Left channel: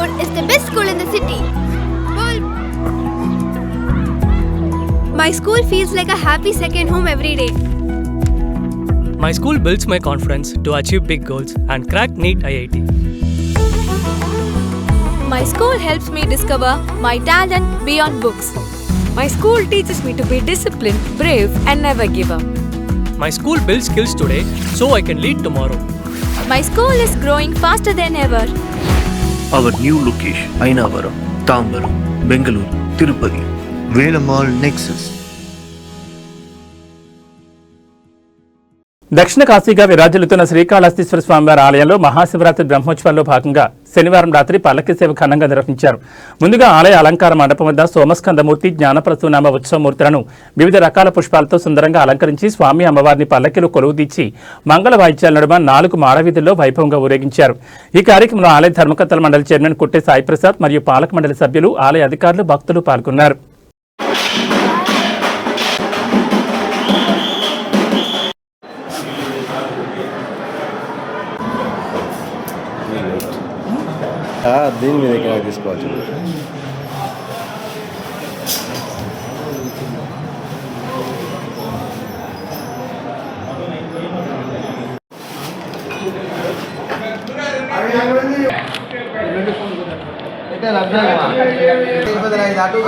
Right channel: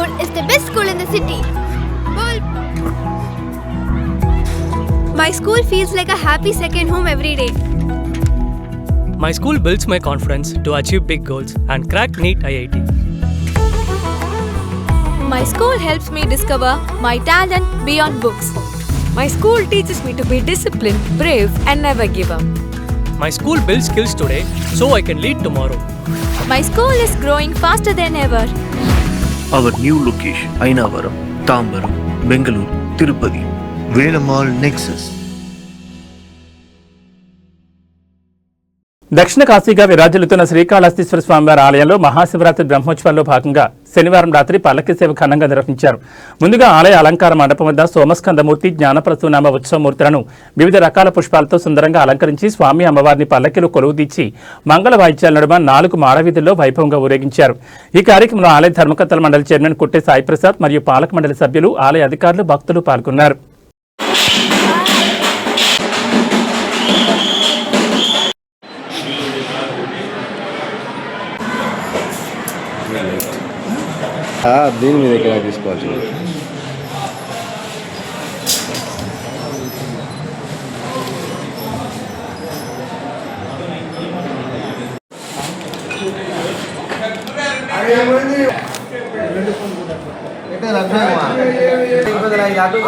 school is the best school in the city. My school feels like a happy second home every day. My school builds my confidence to achieve big goals and crack NEET IIT. My school helps me discover my talent beyond books. My school teaches me to be disciplined, brave, and never give up. My school builds skills today so I can lead tomorrow. My school is growing faster than ever. Our new location, Ainavaram, Tambaram, Bengaluru, Tirupati, Velamal Nexus. దక్షిణ కాశీగా విరాజిల్లుతున్న శ్రీకాళహస్తీశ్వర స్వామివారి ఆలయంలో మహాశివరాత్రి బ్రహ్మోత్సవాల్లో భాగంగా శనివారం రాత్రి పల్లకి సేవ ఘనంగా నిర్వహించారు. ముందుగా ఆలయ అలంకార మండపం వద్ద సోమస్కందమూర్తి, జ్ఞానప్రసూనామ ఉత్సవమూర్తులను వివిధ రకాల పుష్పాలతో సుందరంగా అలంకరించి స్వామి అమ్మవారిని పల్లకిలో కొలువుదీర్చి మంగళ వాయిద్యాల నడుమ 4 మాడవీధుల్లో వైభవంగా ఊరేగించారు. ఈ కార్యక్రమంలో ఆలయ ధర్మకర్తల మండలి చైర్మన్ కుట్టే సాయిప్రసాద్ మరియు పాలక మండలి సభ్యులు, ఆలయ అధికారులు, భక్తులు పాల్గొన్నారు. భూమి దగ్గర తీసుకోవచ్చు. అటు